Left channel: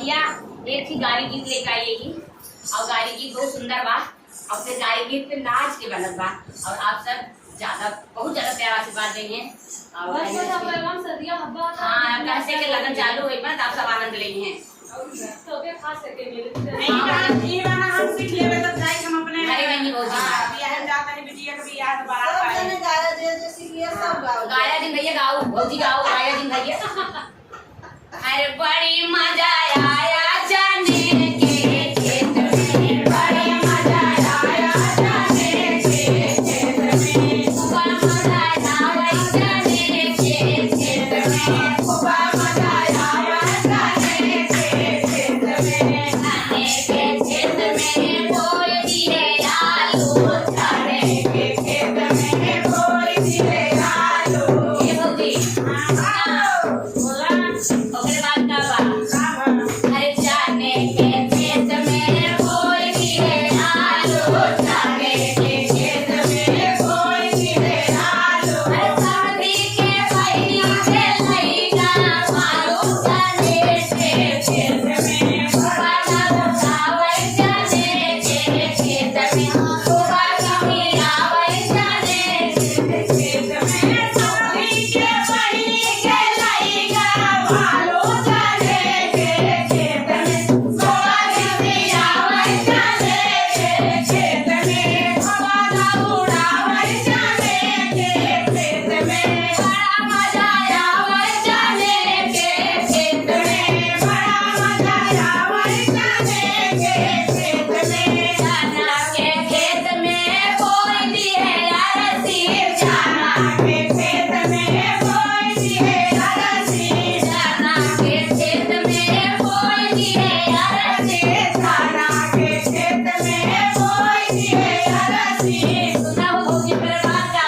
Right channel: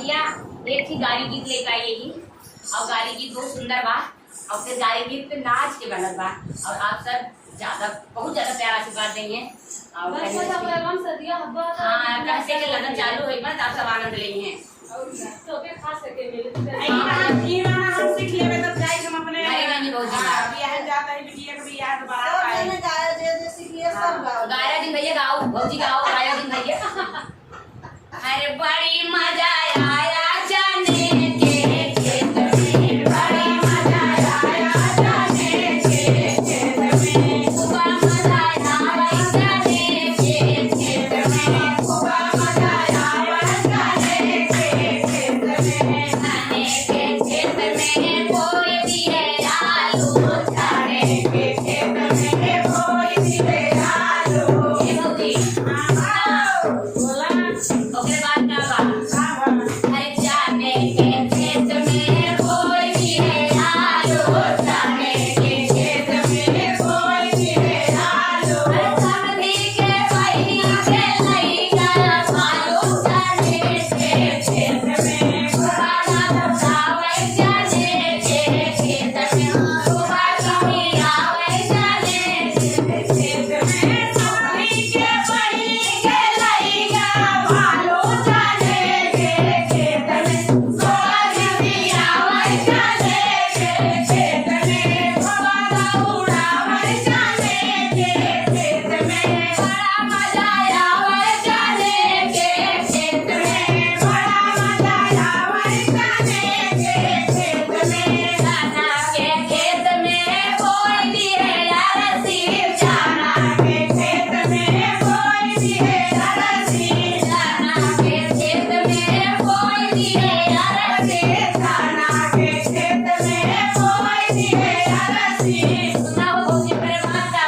भैया एक ही गाड़ी गीत लेके आइएगी और गाड़ी गीत बहुत सुंदर बा और फिर गाड़ी गीत पे नाच के बनत बा और आप सब बहुत ज्यादा प्यार आशीर्वाद देंगे और हाँ कैसे के लगन चालू हुई बस आप सब आनंद लेंगे हैं तो के खास करके मिले ये वाला हम सीख लेबे तो जाई हम अपने अरे नहीं रोज बियाह जाता है बिटिया के बियाह दोबारा आए मैंने गाया जे सीख लिया सब गाओ गाया दिन भैया गाओ भौजी गाओ गाया दिन भैया अरे बड़ी मजा आया जाने के खेत में बड़ी मजा आया जाने के खेत में खूब मजा आया जाने के खेत में खूब मजा आया जाने के खेत में जाने के खेत में कोई भी है आलू जाने के खेत में कोई भी है आलू ये होगी ओकरे बाद का बा अरे जाने के खेत में कोई भी है आलू जाने के खेत में कोई भी है आलू सब्जी के पहिया के लईका मारो जाने के खेत में बाला उठावे जाने के खेत में सुबह कमी आवे जाने के खेत में सब्जी के पहिया के लईका मारो जाने के खेत में सुबह कमी आवे जाने के खेत में बाला उठावे जाने के खेत में बड़ा मजा आवे जाने के खेत में बड़ा मजा आवे जाने के खेत में जाना के खेत में कोई भी है अरसी जाना के खेत में कोई भी है अरसी जाना के खेत में कोई भी है अरसी जाना के खेत में कोई भी है अरसी सुना भौजी प्रेमा का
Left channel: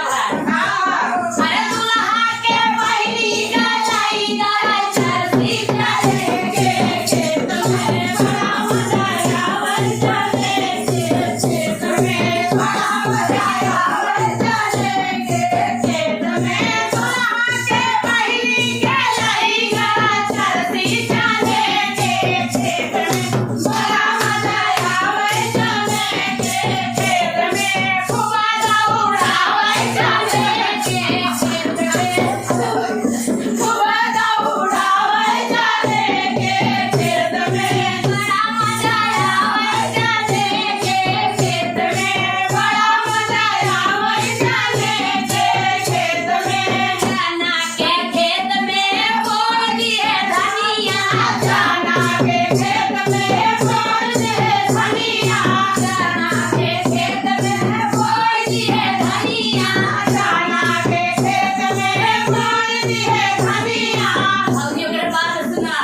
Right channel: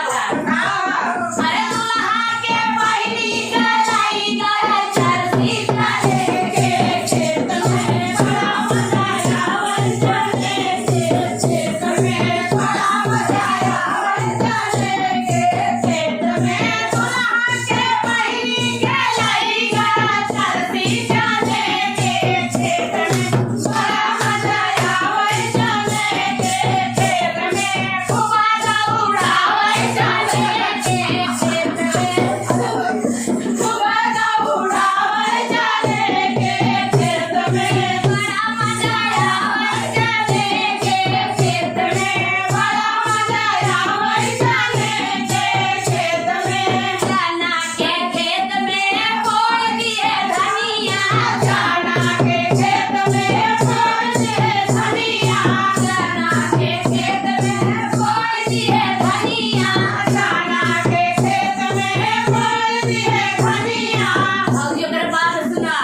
अरे दुल्हा के पहिली गलाई गई चरसी जाने के खेत में बड़ा मजा आवे जाने के खेत में बड़ा मजा आवे जाने के खेत में दुल्हा के पहिली गलाई गई चरसी जाने के खेत में बड़ा मजा आवे जाने के खेत में खूब दौड़ावे जाने के खेत में खूब दौड़ावे जाने के खेत में बड़ा मजा आवे जाने के खेत में बड़ा मजा आवे जाने के खेत में जाना के खेत में कोई भी है धनिया जाना के खेत में कोई भी है धनिया जाना के खेत में कोई भी है धनिया जाना के खेत में कोई भी है धनिया और ये मेरे बात सुना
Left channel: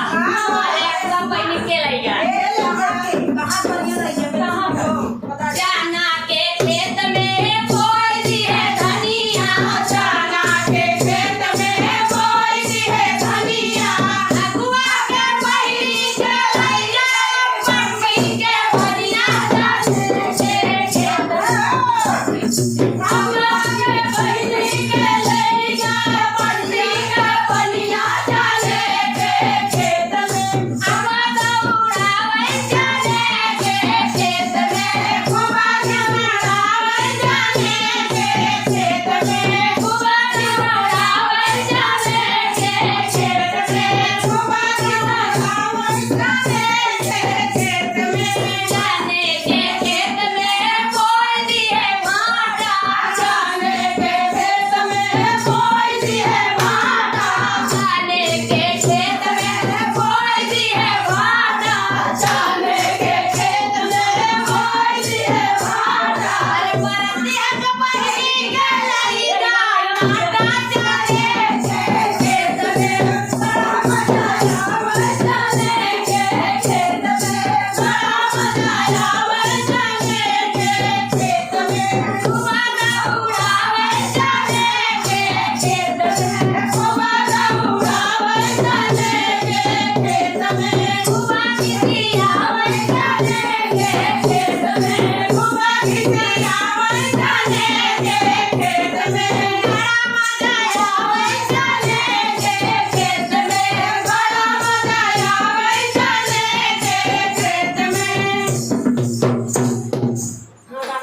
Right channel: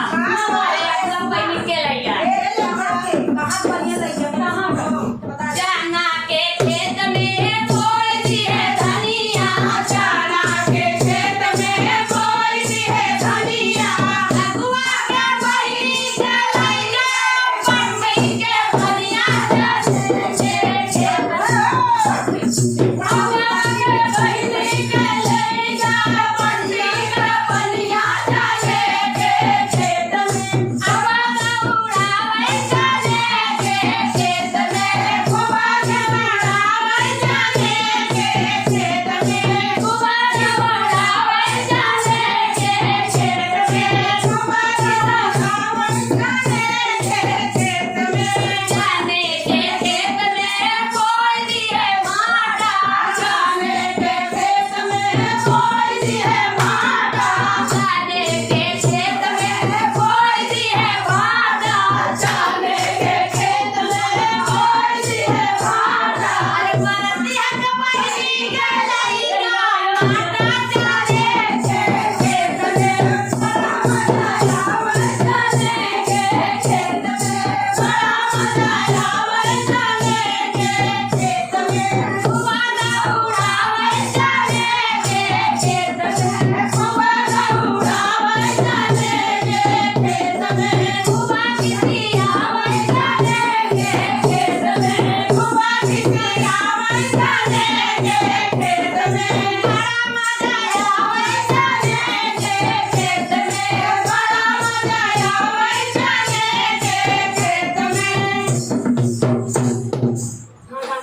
एकदम कोई निकल आएगा